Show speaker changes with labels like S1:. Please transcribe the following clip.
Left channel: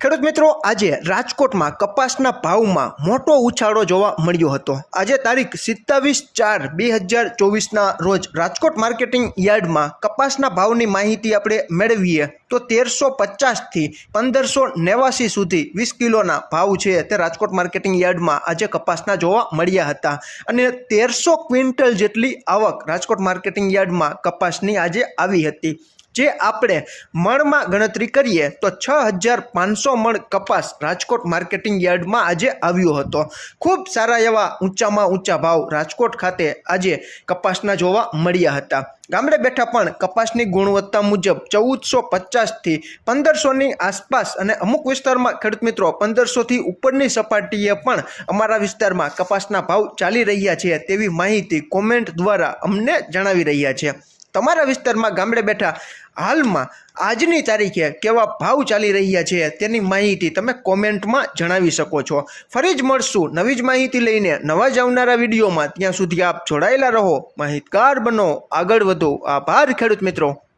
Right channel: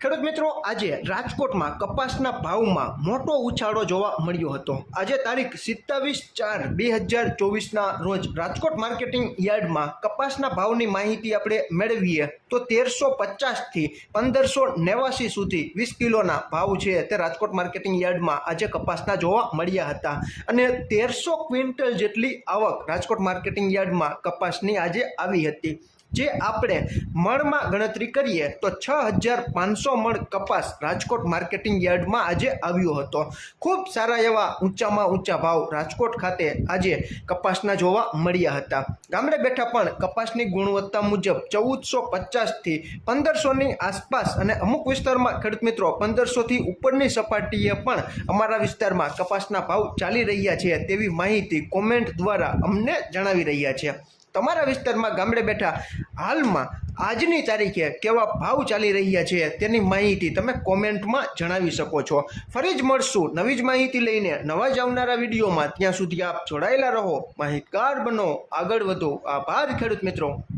S1: ખેડૂત મિત્રો, આજે રાજકોટમાં કપાસના ભાવમાં મોટો ઉછાળો જોવા મળ્યો હતો. આજે તારીખ સિત્તાવીસ ચાર બે હજાર ચોવીસના રોજ રાજકોટ માર્કેટિંગ યાર્ડમાં કપાસના ભાવની માહિતી આપણે મેળવીએ. તો તેરસો પચાસથી પંદરસો નેવાસી સુધી વીસ કિલોના ભાવ છે તે રાજકોટ માર્કેટિંગ યાર્ડમાં આજે કપાસના જોવા મળ્યા હતા. અને તેરસો ક્વિન્ટલ જેટલી આવક રાજકોટ માર્કેટિંગ યાર્ડમાં કપાસની આજે આવી હતી. જે આપણે મણમાં ગણતરી કરીએ તો છ હજાર પાંચસો મણ કપાસ રાજકોટ માર્કેટિંગ યાર્ડમાં આજે આવ્યો હતો. ખૂબ સારા એવા ઊંચામાં ઊંચા ભાવ રાજકોટ ખાતે આજે કપાસના જોવા મળ્યા હતા. ગામડે બેઠા પણ કપાસની ગુણવત્તા મુજબ ચૌદસો પચાસથી પંદરસોની આસપાસ અને અમુક વિસ્તારમાં ખેડૂત મિત્રો પંદરસોથી ઉપરની સપાટીએ પણ અમારા વિસ્તારમાં કપાસના ભાવ ચાલી રહ્યા છે તેવી માહિતી કોમેન્ટ દ્વારા અમને જણાવી રહ્યા છે. તમારા વિસ્તારમાં ગામડે બેઠા હાલમાં આજની તારીખે કેવા ભાવ ચાલી રહ્યા છે તેની માહિતી તમે કોમેન્ટમાં જણાવી શકો છો. ફરી જ મળશું નવી જ માહિતી લઈને નવા જ આવનારા વિડીયોમાં. ત્યાં સુધી આપ જોડાયેલા રહો. માહિતગાર બનો. આગળ વધો. આભાર ખેડૂત મિત્રો.